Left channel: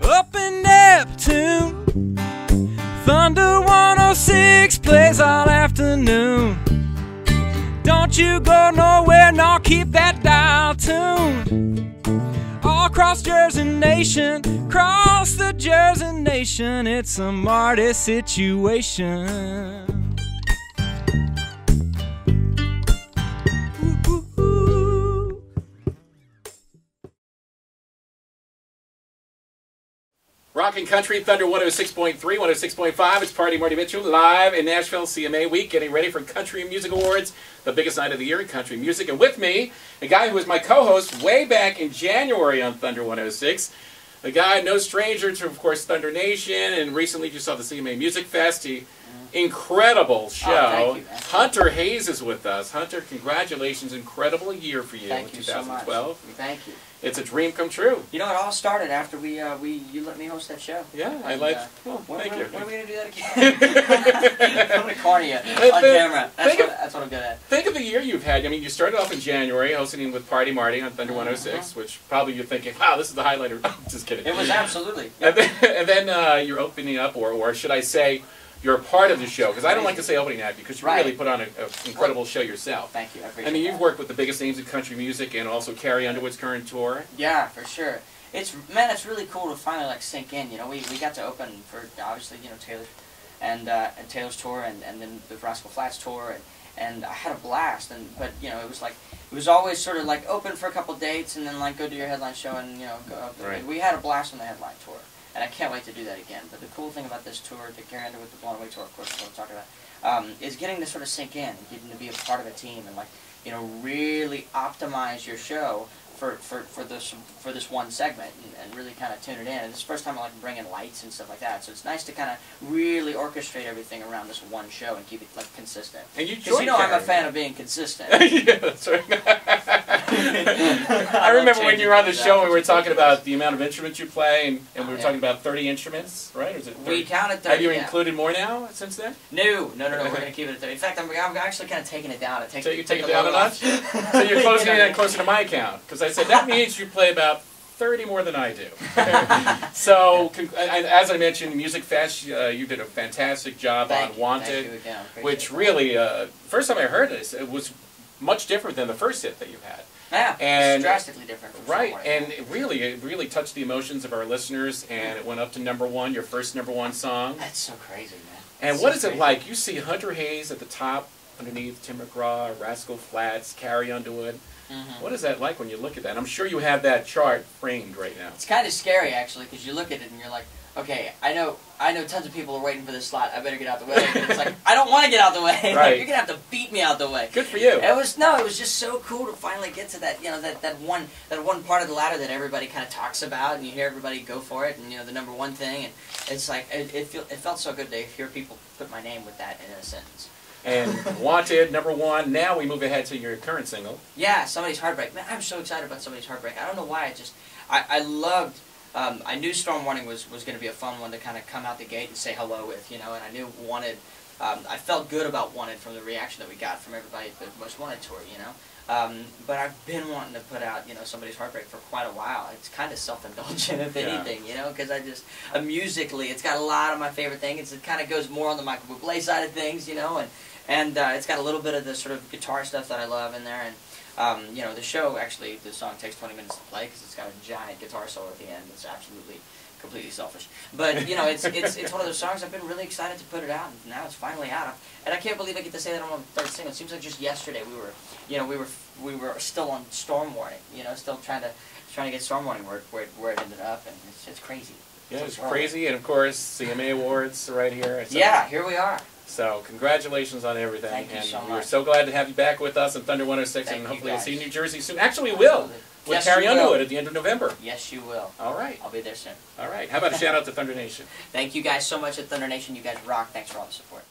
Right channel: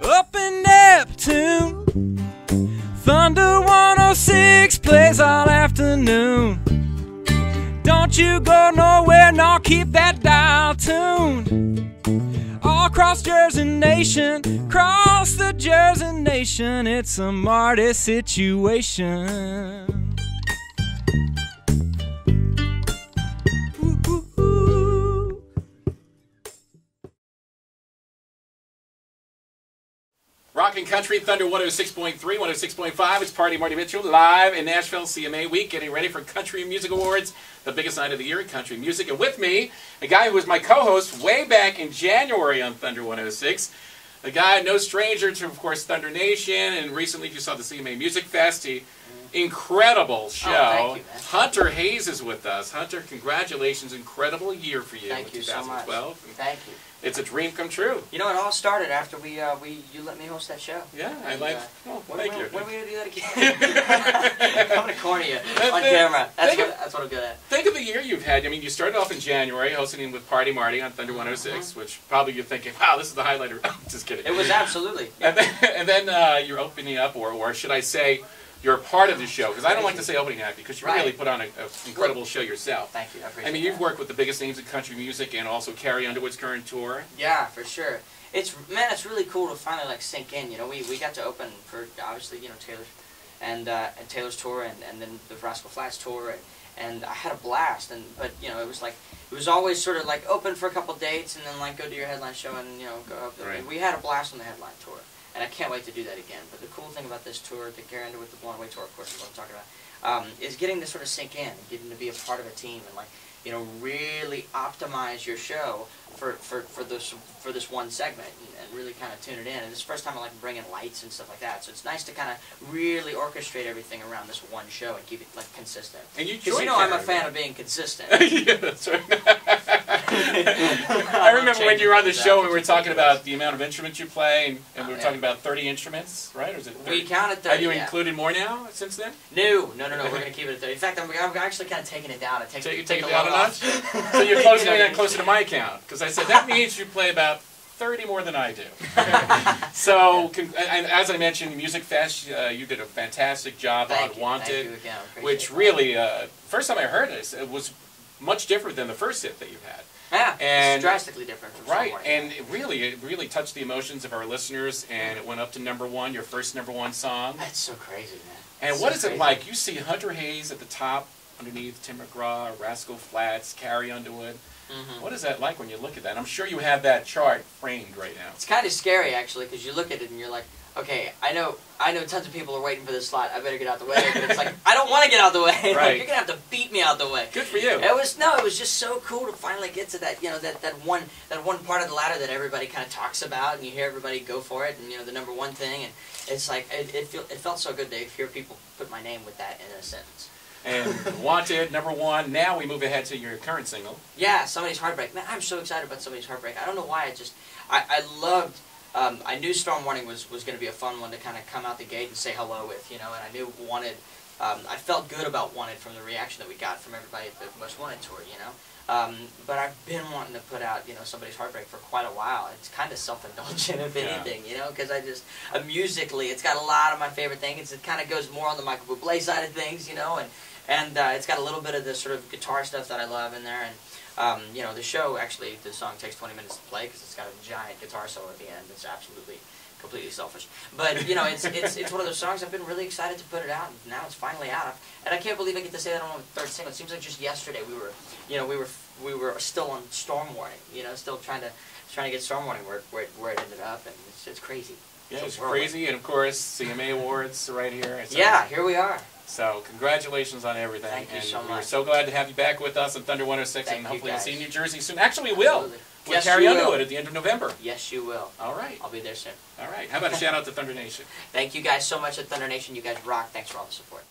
Up in Neptune, Thunder 106 plays all afternoon. Don't you go nowhere, no, keep that dial tuned. All across Jersey Nation, cross the Jersey Nation, it's a Marty situation. Rockin' Country, Thunder 106.3, 106.5. It's Party Marty Mitchell live in Nashville CMA Week, getting ready for Country Music Awards, the biggest night of the year in country music. And with me, a guy who was my co-host way back in January on Thunder 106. A guy no stranger to, of course, Thunder Nation, and recently you saw the CMA Music Fest. Incredible show. Oh, thank you, man. Hunter Hayes is with us. Hunter, congratulations. Incredible year for you Thank in you so much. 2012. Thank you. It's a dream come true. You know, it all started after you let me host that show. Yeah, I And, like. When Thank you. are we going to do that again? I'm going to corner you on camera. That's what I'm good at. Think of the year you've had. I mean, you started off in January hosting with Party Marty on Thunder 106, which probably you're thinking, wow, this is the highlight of... Just kidding. It was absolutely. And then you're opening up, or should I say, you're a part of the show, because I don't like to say opening act, because you really put on an incredible show yourself. Thank you. I appreciate I mean, you've that. worked with the biggest names in country music, and also Carrie Underwood's current tour. Yeah, for sure. It's really cool to finally sink in. You know, we got to open for obviously Taylor and Taylor's tour, and then the Rascal Flatts tour, and I had a blast. But it was always sort of open for a couple dates, and then go do your headline show, and go up. Right. We had a blast on the headline tour. And I can't wait to do that again. But the cool thing about this tour, the Carrie Underwood, the Blown Away tour, of course, is what I'm talking about, is getting to sort of sink in, and getting to be a part of a team, and really optimize your show for this one segment, and really kind of tune it in. And it's the first time I bring in lights and stuff like that. So it's nice to kind of really orchestrate everything around this one show and keep it consistent. And because I'm a fan of being consistent. Yeah, that's right. I remember when you were on the show, we were talking about the amount of instruments you play, and we were talking about 30 instruments, right? Or is it 30? We counted 30. Have you included more now since then? No. We're going to keep it at 30. In fact, I'm actually kind of taking it down. Take it down a notch? So you're closer to my count, because I said that means you play about 30 more than I do. So, as I mentioned, Music Fest, you did a fantastic job on Wanted, Thank you again. which really, first time I heard this, it was much different than the first hit that you had. Yeah, and it's drastically different from somewhere. And it really touched the emotions of our listeners, and it went up to #1, your first #1 song. That's so crazy, man. And what is it like? You see Hunter Hayes at the top, underneath Tim McGraw, Rascal Flatts, Carrie Underwood. What is that like when you look at that? I'm sure you have that chart framed right now. It's kind of scary, actually, because you look at it and you're like, okay, I know tons of people are waiting for this slot. I better get out the way. But it's I don't want to get out the way. Right. You're gonna have to beat me out the way. Good for you. It was just so cool to finally get to that, that one part of the ladder that everybody kind of talks about, and you hear everybody go for it, and the #1 thing, and it's it felt so good to hear people put my name with that in a sentence. And Wanted, #1. Now we move ahead to your current single. Yeah, Somebody's Heartbreak. Man, I'm so excited about Somebody's Heartbreak. I don't know why. I loved. I knew Storm Warning was going to be a fun one to kind of come out the gate and say hello with, and I knew Wanted. I felt good about Wanted from the reaction that we got from everybody at the Most Wanted tour, But I've been wanting to put out, Somebody's Heartbreak for quite a while. It's kind of self-indulgent, if anything, because I just musically, it's got a lot of my favorite things. It kind of goes more on the Michael Bublé side of things, and it's got a little bit of the sort of guitar stuff that I love in there, and the show, actually, the song takes 20 minutes to play because it's got a giant guitar solo at the end. It's completely selfish. But, it's one of those songs I've been really excited to put it out, and now it's finally out. And I can't believe I get to say that on the third single. It seems like just yesterday we were still on Storm Warning, still trying to get Storm Warning where it ended up, and it's crazy. Yeah, it's crazy, and of course, CMA Awards right here. Yeah, here we are. So, congratulations on everything. Thank you so much. We're so glad to have you back with us on Thunder 106, and hopefully we'll see you in New Jersey soon. Actually, we will. Absolutely. We'll Yes, carry you on to will. it at the end of November. Yes, you will. All right. I'll be there soon. All right. How about a shout out to Thunder Nation? Thank you guys so much at Thunder Nation. You guys rock. Thanks for all the support.